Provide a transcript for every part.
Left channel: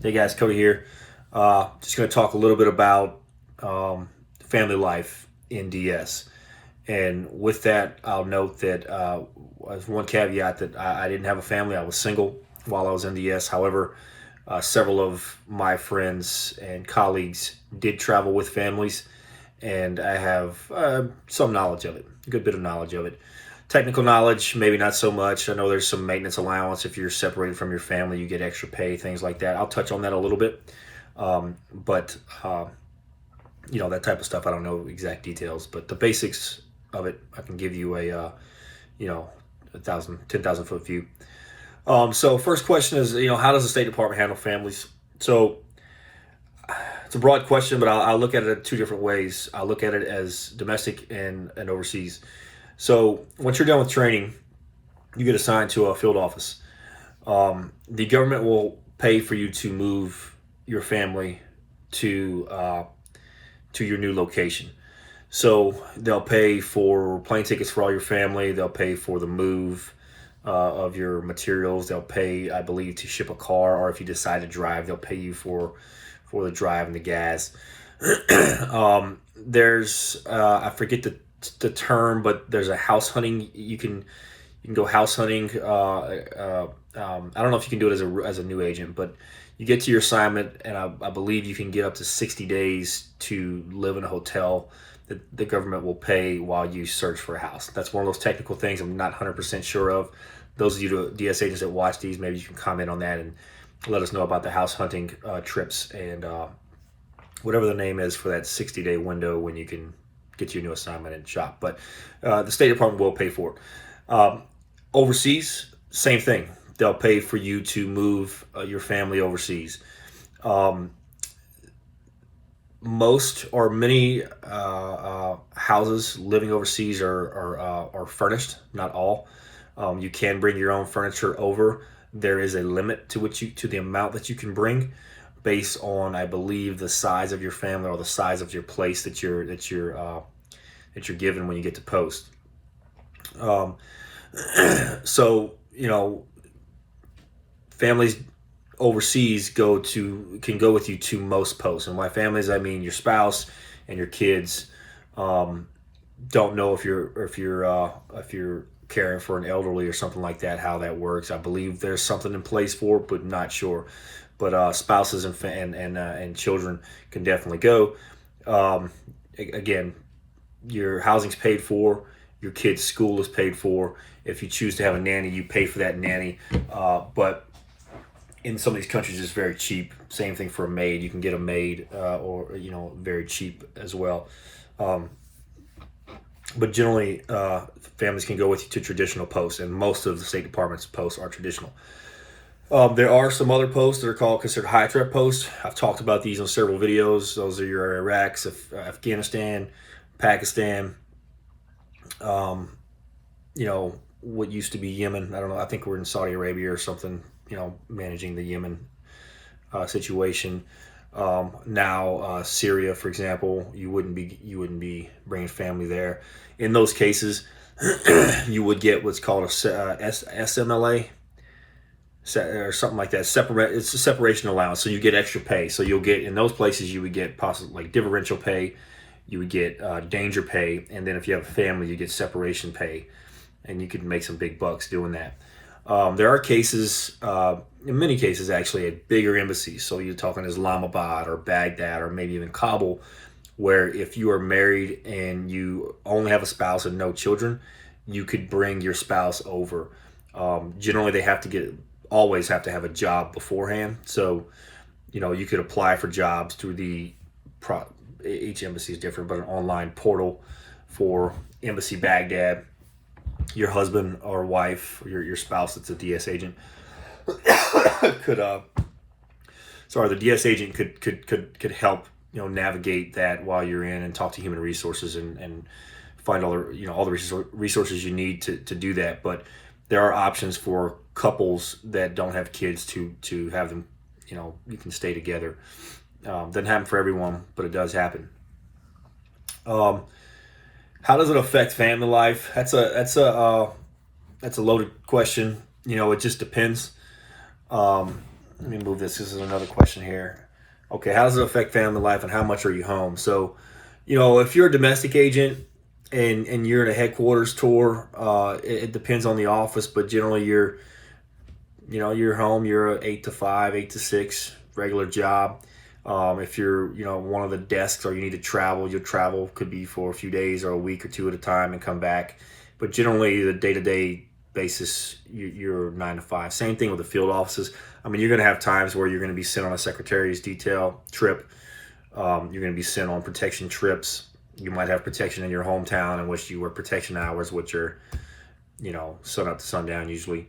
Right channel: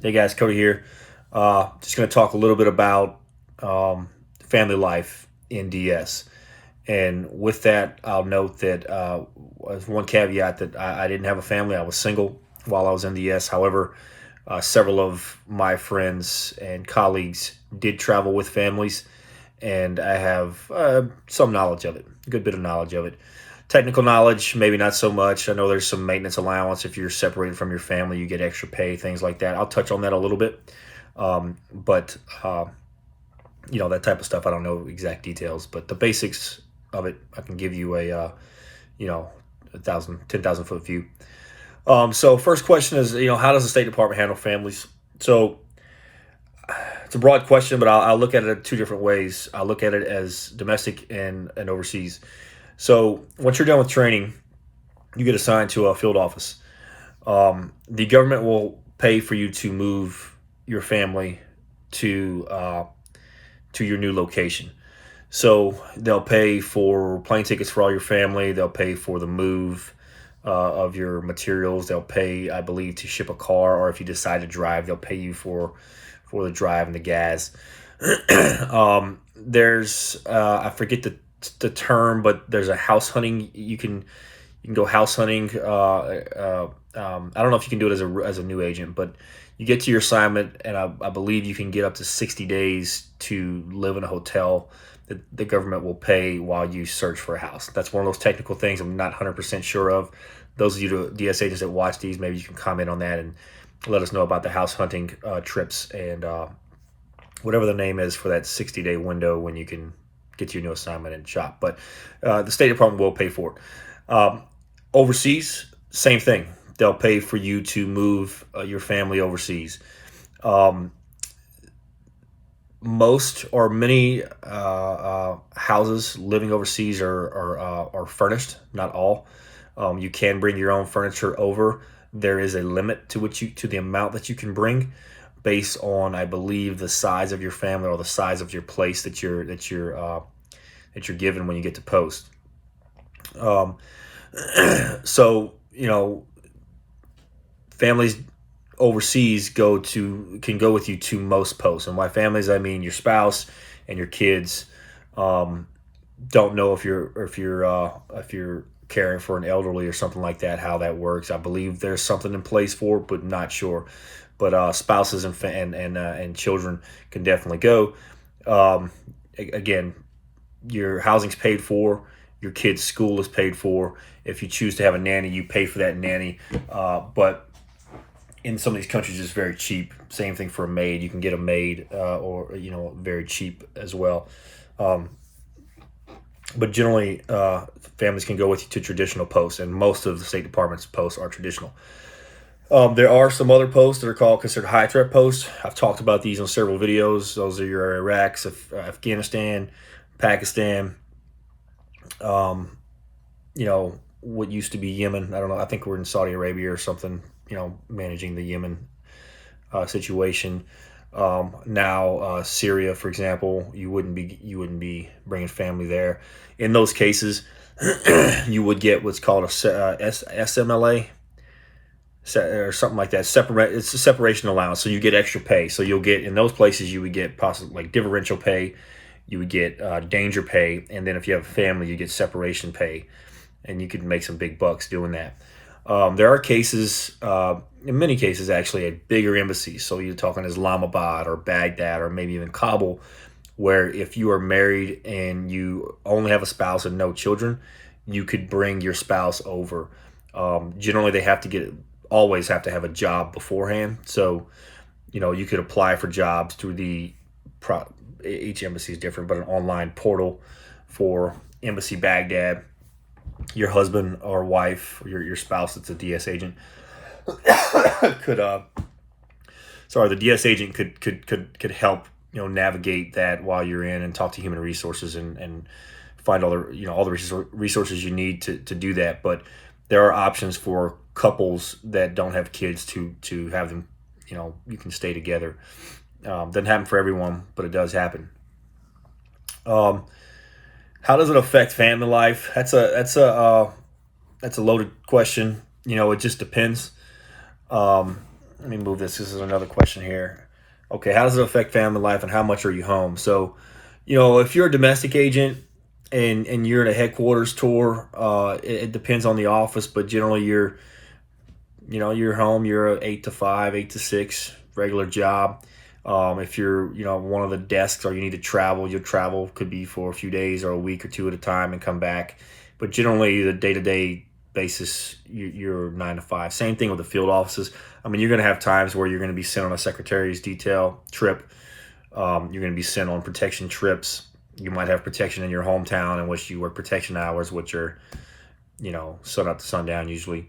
Hey guys, Cody here. Just going to talk a little bit about family life in DS. And with that, I'll note that as one caveat that I didn't have a family. I was single while I was in DS. However, several of my friends and colleagues did travel with families, and I have some knowledge of it, a good bit of knowledge of it. Technical knowledge, maybe not so much. I know there's some maintenance allowance. If you're separated from your family, you get extra pay, things like that. I'll touch on that a little bit. But that type of stuff, I don't know exact details, but the basics of it, I can give you a 10,000 foot view. So first question is, how does the State Department handle families? So it's a broad question, but I'll look at it two different ways. I look at it as domestic and overseas. So once you're done with training, you get assigned to a field office. The government will pay for you to move your family to your new location. So they'll pay for plane tickets for all your family. They'll pay for the move of your materials. They'll pay, I believe, to ship a car, or if you decide to drive, they'll pay you for the drive and the gas. There's I forget the term, but there's a house hunting. You can go house hunting. I don't know if you can do it as a new agent, but you get to your assignment, and I believe you can get up to 60 days to live in a hotel that the government will pay while you search for a house. That's one of those technical things I'm not 100% sure of. Those of you DS agents that watch these, maybe you can comment on that and let us know about the house hunting trips and whatever the name is for that 60-day window when you can get your new assignment and shop. But the State Department will pay for it. Overseas, same thing. They'll pay for you to move your family overseas. Most or many houses living overseas are furnished, not all. You can bring your own furniture over. There is a limit to the amount that you can bring, based on, I believe, the size of your family or the size of your place that you're given when you get to post. So families overseas can go with you to most posts, and by families I mean your spouse and your kids. Don't know if you're caring for an elderly or something like that, how that works. I believe there's something in place for it, but not sure. But spouses and children can definitely go. Again, your housing's paid for, your kid's school is paid for. If you choose to have a nanny, you pay for that nanny. But in some of these countries, it's very cheap. Same thing for a maid. You can get a maid, or very cheap as well. But generally, families can go with you to traditional posts, and most of the State Department's posts are traditional. There are some other posts that are considered high threat posts. I've talked about these on several videos. Those are your Iraq, Afghanistan, Pakistan, what used to be Yemen. I don't know. I think we're in Saudi Arabia or something, managing the Yemen situation. Now Syria, for example, you wouldn't be bringing family there. In those cases, you would get what's called a SMLA or something like that. It's a separation allowance, so you get extra pay. So you'll get, in those places, you would get possibly like differential pay. You would get danger pay, and then if you have a family, you get separation pay, and you could make some big bucks doing that. There are cases, in many cases actually, at bigger embassies. So you're talking Islamabad or Baghdad or maybe even Kabul, where if you are married and you only have a spouse and no children, you could bring your spouse over. Generally, they always have to have a job beforehand. So, you could apply for jobs through each embassy is different, but an online portal for Embassy Baghdad. Your husband or wife, or your spouse that's a DS agent the DS agent could help navigate that while you're in, and talk to human resources and find all the resources you need to do that. But there are options for couples that don't have kids to have them, you can stay together. Doesn't happen for everyone, but it does happen. How does it affect family life? That's a loaded question. It just depends. Let me move this. This is another question here. Okay, how does it affect family life, and how much are you home? So, if you're a domestic agent and you're at a headquarters tour, it depends on the office, but generally you're home. You're a 8 to 5, 8 to 6 regular job. If you're one of the desks or you need to travel, your travel could be for a few days or a week or two at a time and come back. But generally, the day-to-day basis, you're 9 to 5. Same thing with the field offices. I mean, you're going to have times where you're going to be sent on a secretary's detail trip. You're going to be sent on protection trips. You might have protection in your hometown in which you work protection hours, which are, sun up to sundown usually.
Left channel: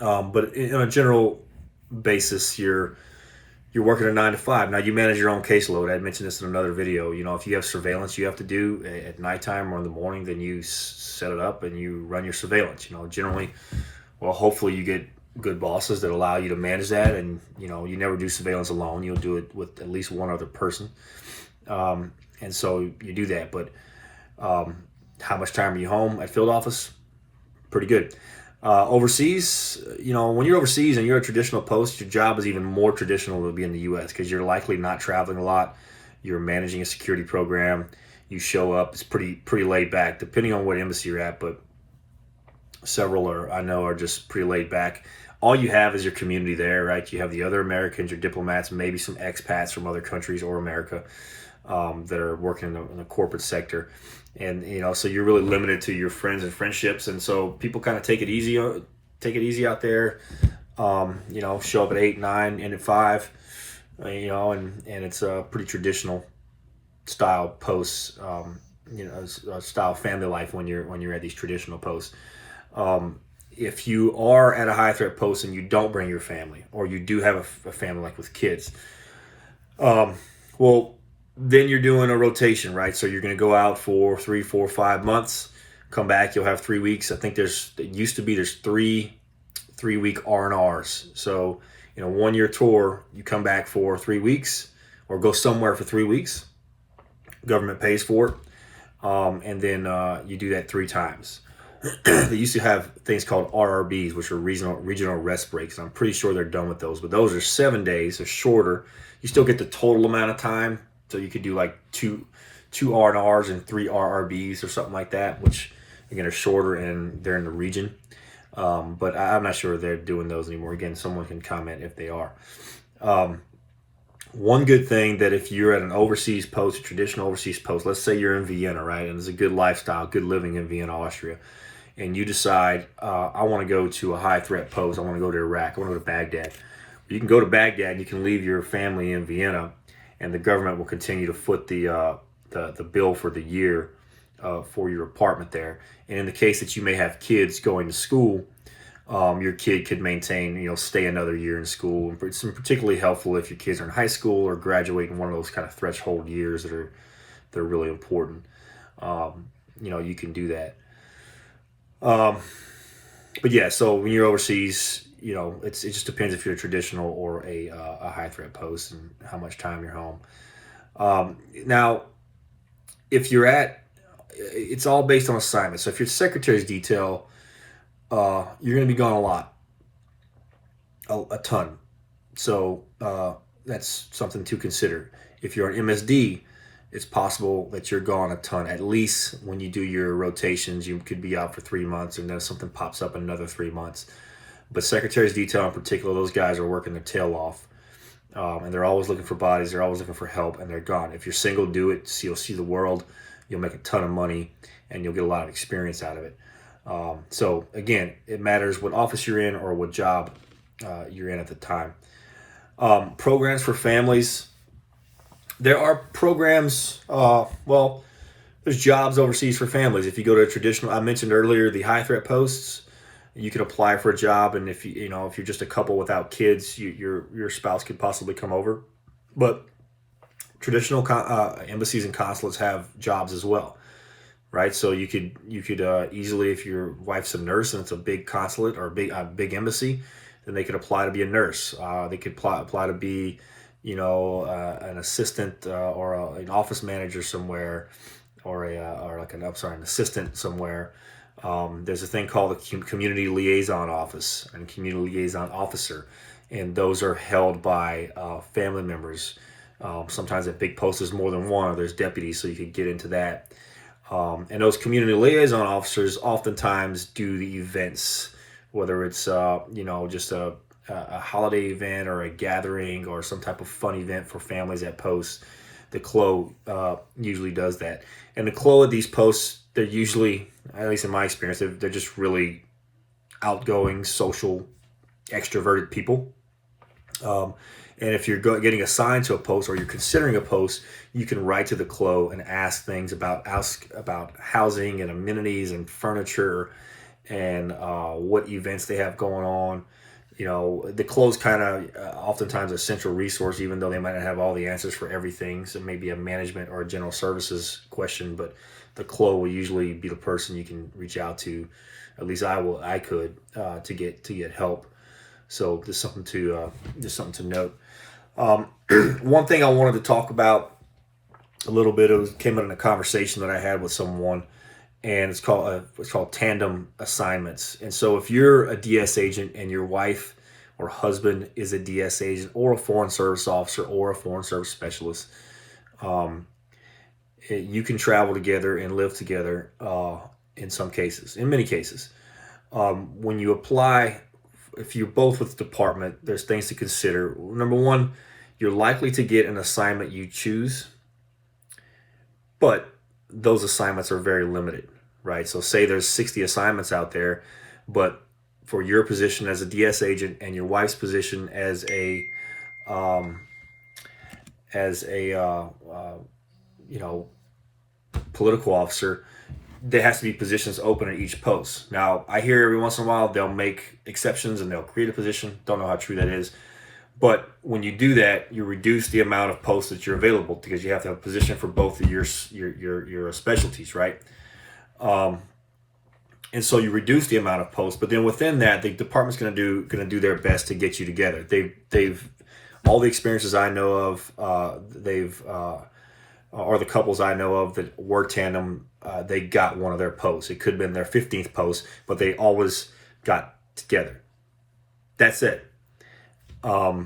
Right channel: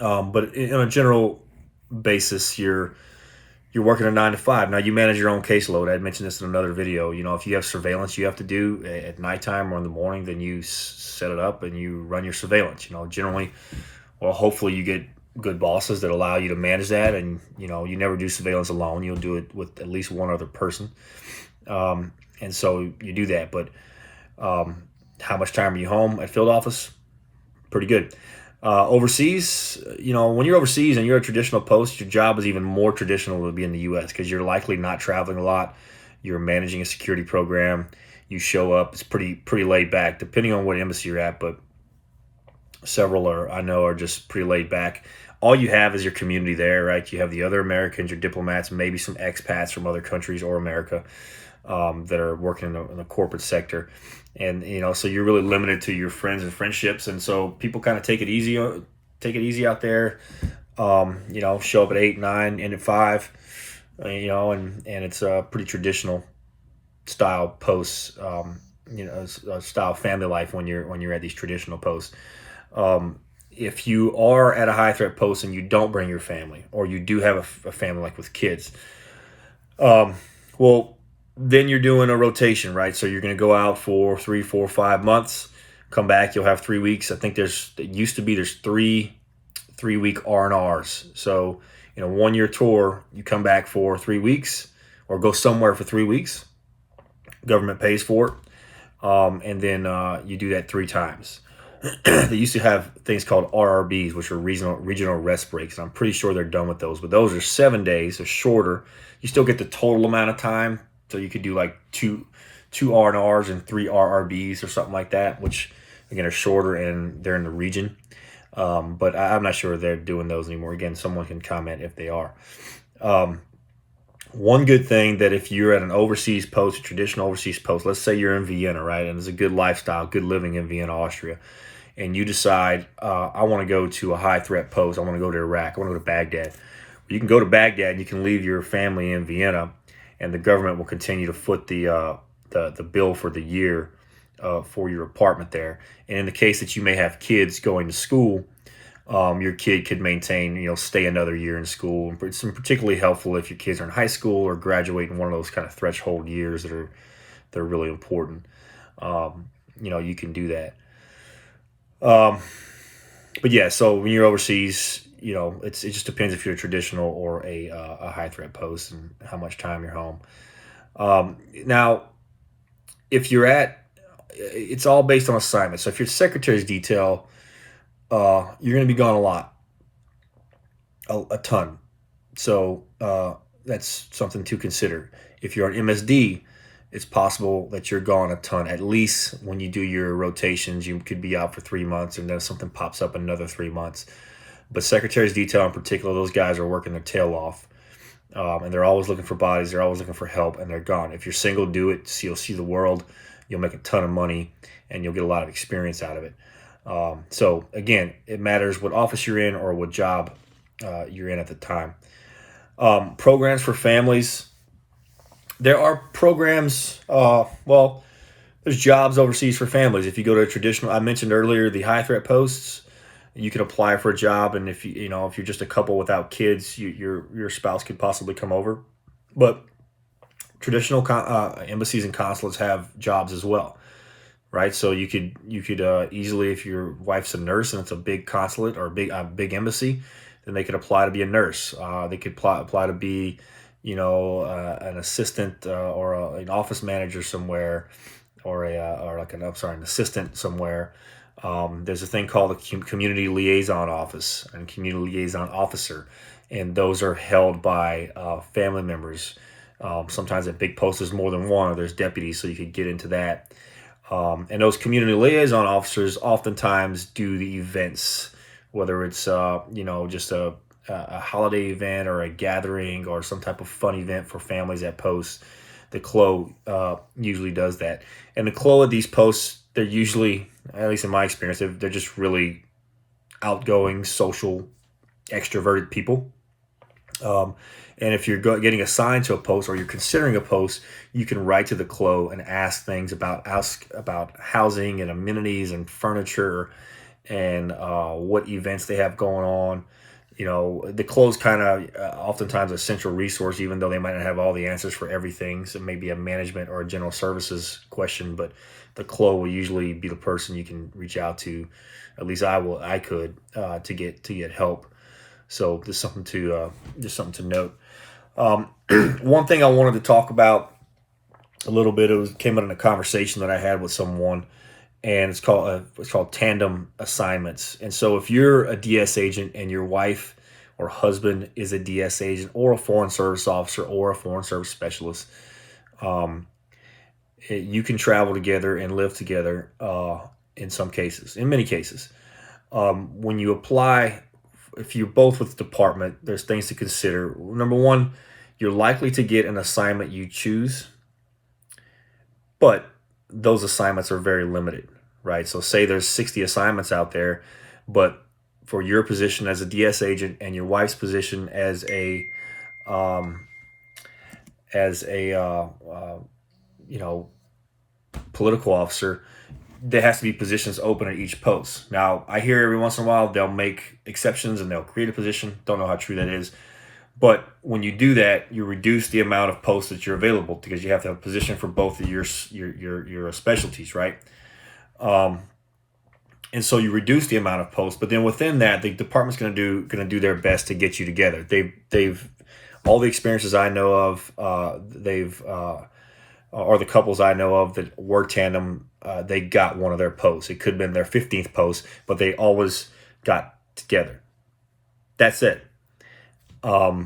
But on a general basis, you're working a 9 to 5. Now, you manage your own caseload. I mentioned this in another video. If you have surveillance you have to do at nighttime or in the morning, then you set it up and you run your surveillance. Generally, hopefully you get good bosses that allow you to manage that, and you never do surveillance alone. You'll do it with at least one other person, and so you do that. But how much time are you home at field office? Pretty good. Overseas, when you're overseas and you're a traditional post, your job is even more traditional to be in the U.S. because you're likely not traveling a lot. You're managing a security program. You show up. It's pretty laid back, depending on what embassy you're at, but several are just pretty laid back. All you have is your community there, right? You have the other Americans, your diplomats, maybe some expats from other countries or America that are working in the corporate sector. And, so you're really limited to your friends and friendships. And so people kind of take it easy out there, show up at 8, 9, end at 5, and it's a pretty traditional style posts, style family life when you're at these traditional posts. If you are at a high threat post and you don't bring your family, or you do have a family like with kids, then you're doing a rotation, right? So you're going to go out for 3, 4, 5 months, come back, you'll have 3 weeks. I think there's 3-week R&Rs. So, 1 year tour, you come back for 3 weeks or go somewhere for 3 weeks. Government pays for it. And then you do that 3 times. They used to have things called RRBs, which are regional rest breaks. And I'm pretty sure they're done with those, but those are 7 days, so shorter. You still get the total amount of time. So you could do like two R&Rs and 3 RRBs or something like that, which again are shorter and they're in the region. But I'm not sure they're doing those anymore. Again, someone can comment if they are. One good thing that if you're at an overseas post, a traditional overseas post, let's say you're in Vienna, right? And there's a good lifestyle, good living in Vienna, Austria. And you decide, I want to go to a high threat post. I want to go to Iraq. I want to go to Baghdad. You can go to Baghdad and you can leave your family in Vienna, and the government will continue to foot the bill for the year for your apartment there. And in the case that you may have kids going to school, your kid could maintain, stay another year in school. It's particularly helpful if your kids are in high school or graduate in one of those kind of threshold years that are really important. You can do that. But yeah, so when you're overseas, it just depends if you're a traditional or a high threat post and how much time you're home. Now, if it's all based on assignment. So if you're secretary's detail, you're going to be gone a lot, a ton. So that's something to consider. If you're an MSD, it's possible that you're gone a ton. At least when you do your rotations, you could be out for 3 months, and then something pops up another 3 months. But secretary's detail in particular, those guys are working their tail off. And they're always looking for bodies. They're always looking for help, and they're gone. If you're single, do it. So you'll see the world. You'll make a ton of money, and you'll get a lot of experience out of it. So again, it matters what office you're in or what job you're in at the time. Programs for families. There are programs, there's jobs overseas for families. If you go to a traditional, I mentioned earlier, the high threat posts, you can apply for a job. And if if you're just a couple without kids, your spouse could possibly come over. But traditional embassies and consulates have jobs as well, right? So you could easily, if your wife's a nurse and it's a big consulate or a big embassy, then they could apply to be a nurse. They could apply to be an assistant or an office manager somewhere, or an assistant somewhere. There's a thing called a community liaison office and community liaison officer. and those are held by family members. Sometimes a big post is more than one, or there's deputies, so you could get into that. And those community liaison officers oftentimes do the events, whether it's just a holiday event or a gathering or some type of fun event for families at posts. The CLO usually does that. And the CLO of these posts, they're usually, at least in my experience, they're just really outgoing, social, extroverted people. And if you're getting assigned to a post or you're considering a post, you can write to the CLO and ask about housing and amenities and furniture and what events they have going on. The CLO is kind of oftentimes a central resource, even though they might not have all the answers for everything. So maybe a management or a general services question, but the CLO will usually be the person you can reach out to. At least I could to get help. So there's something to note. One thing I wanted to talk about a little bit, came out in a conversation that I had with someone, and it's called Tandem assignments. And so if you're a DS agent and your wife or husband is a DS agent or a foreign service officer or a foreign service specialist, you can travel together and live together in many cases. When you apply, if you're both with the department, there's things to consider. Number one, you're likely to get an assignment you choose, but those assignments are very limited, right? So say there's 60 assignments out there, but for your position as a DS agent and your wife's position as a political officer, there has to be positions open at each post. Now, I hear every once in a while they'll make exceptions and they'll create a position. Don't know how true that is. But when you do that, you reduce the amount of posts that you're available, because you have to have a position for both of your specialties, right? And so you reduce the amount of posts, but then within that, the department's going to do their best to get you together. They've all the experiences I know of, or the couples I know of that were Tandem, they got one of their posts. It could have been their 15th post, but they always got together. That's it. As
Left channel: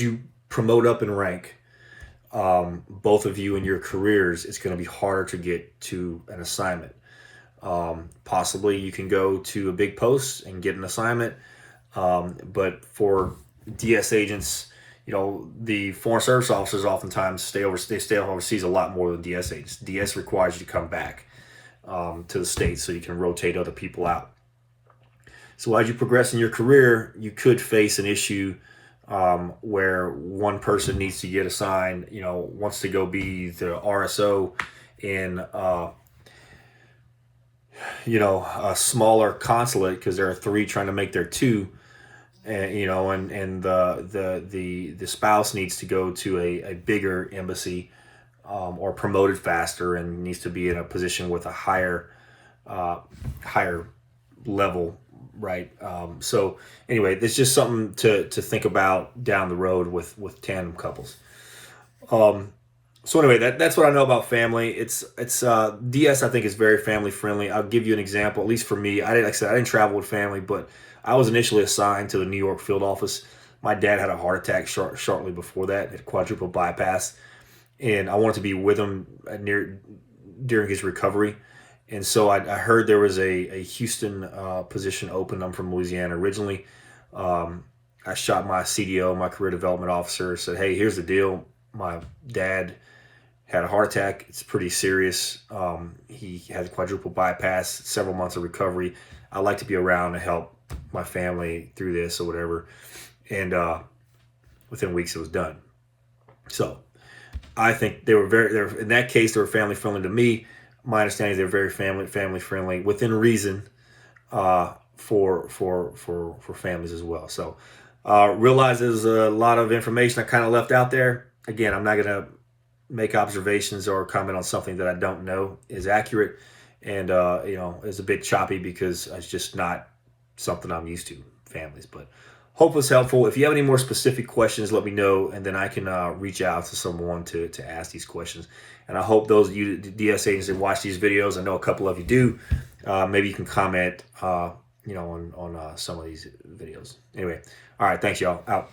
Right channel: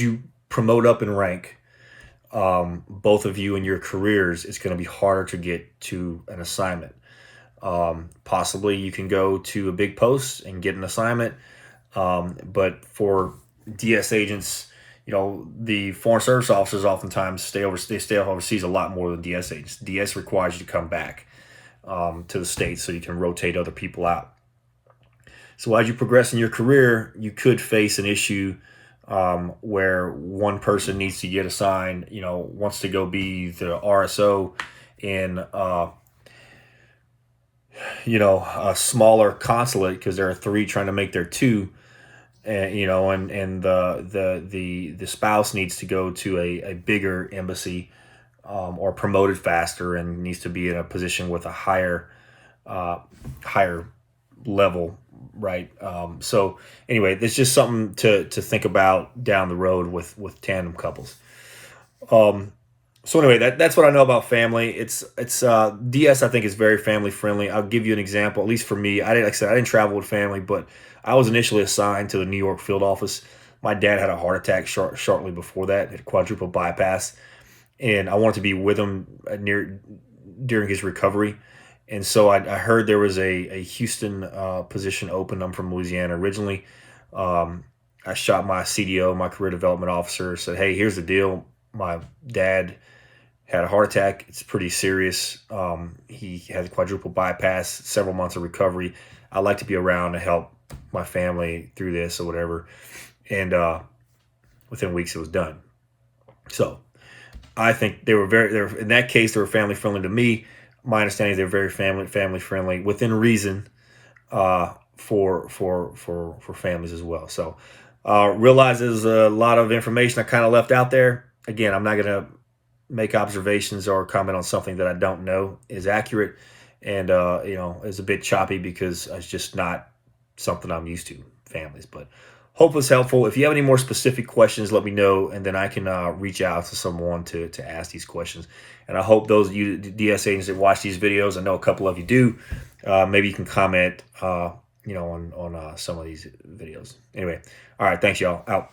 you promote up in rank, both of you in your careers, it's going to be harder to get to an assignment. Possibly you can go to a big post and get an assignment. But for DS agents, the foreign service officers oftentimes stay overseas a lot more than DS agents. DS requires you to come back to the States so you can rotate other people out. So as you progress in your career, you could face an issue where one person needs to get assigned, wants to go be the RSO in, a smaller consulate because there are 3 trying to make their 2. And the spouse needs to go to a bigger embassy or promoted faster and needs to be in a position with a higher level, right? So anyway, it's just something to think about down the road with tandem couples. So anyway, that's what I know about family. It's DS, I think, is very family friendly. I'll give you an example. At least for me, I didn't travel with family, but I was initially assigned to the New York field office. My dad had a heart attack shortly before that, had quadruple bypass, and I wanted to be with him during his recovery. And so I heard there was a Houston position open. I'm from Louisiana originally. I shot my CDO, my career development officer, said, "Hey, here's the deal. My dad had a heart attack. It's pretty serious. He has a quadruple bypass, several months of recovery. I'd like to be around to help my family through this or whatever." And within weeks it was done. So I think they were in that case, they were family friendly to me. My understanding is they're very family friendly within reason for families as well. So realize there's a lot of information I kind of left out there. Again, I'm not going to make observations or comment on something that I don't know is accurate, and it's a bit choppy because it's just not something I'm used to, families. But hope it's helpful. If you have any more specific questions, let me know, and then I can reach out to someone to ask these questions. And I hope those of you DS agents that watch these videos, I know a couple of you do, maybe you can comment on some of these videos. Anyway, all right, thanks y'all. Out.